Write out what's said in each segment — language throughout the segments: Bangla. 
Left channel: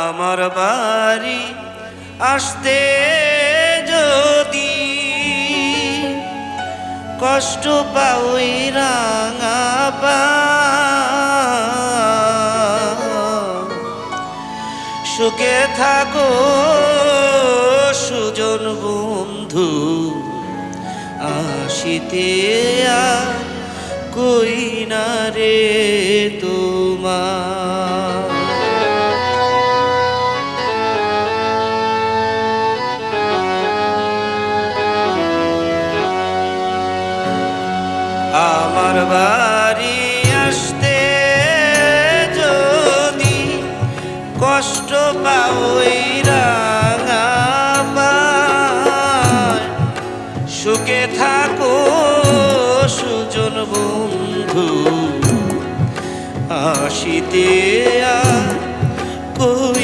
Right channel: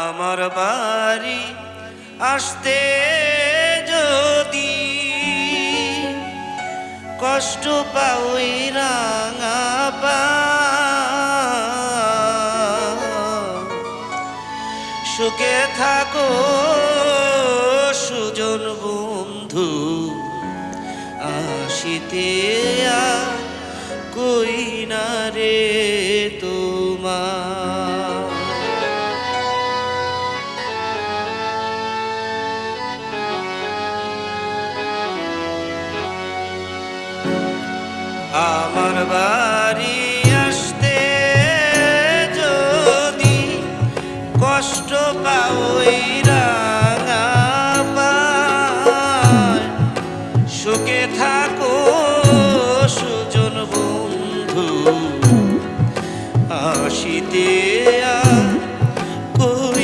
আমার বাড়ি আসতে যদি কষ্ট পাও রাঙা পা। সুখে থাকো, সুজন বন্ধু, আসিতে কই না রে তোমার। বাড়ি আসতে যদি কষ্ট পাওই রাঙা সুখে থাকো সুজন বন্ধু আসিতে কই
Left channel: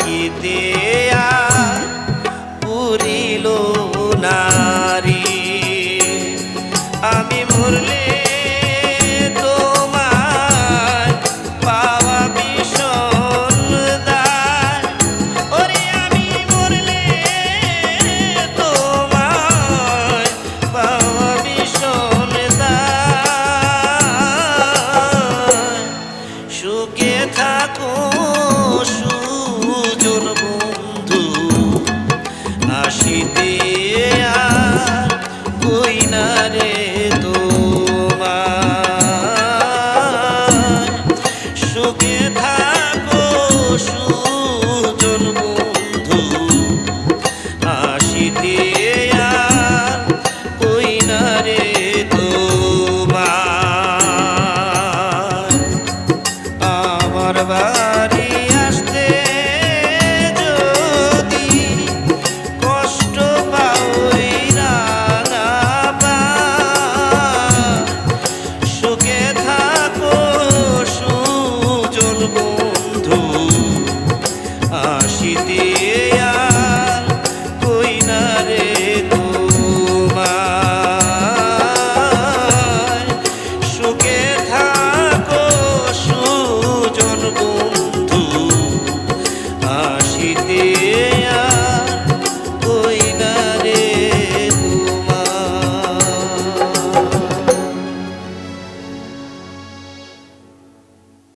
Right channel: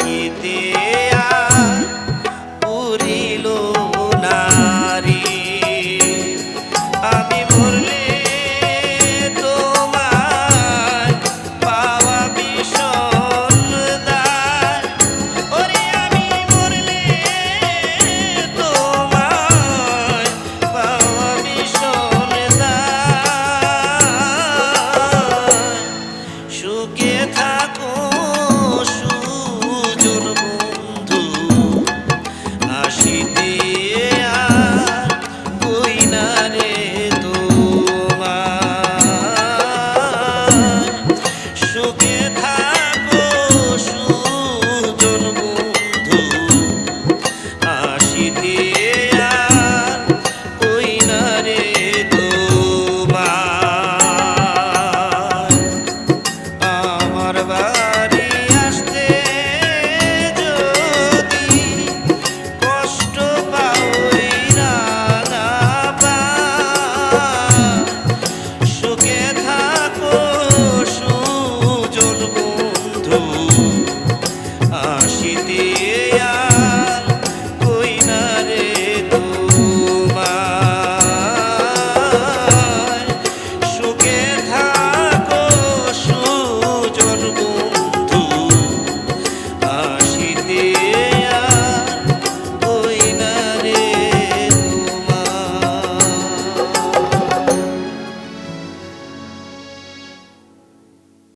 থাকিতে আর পুরিল forget.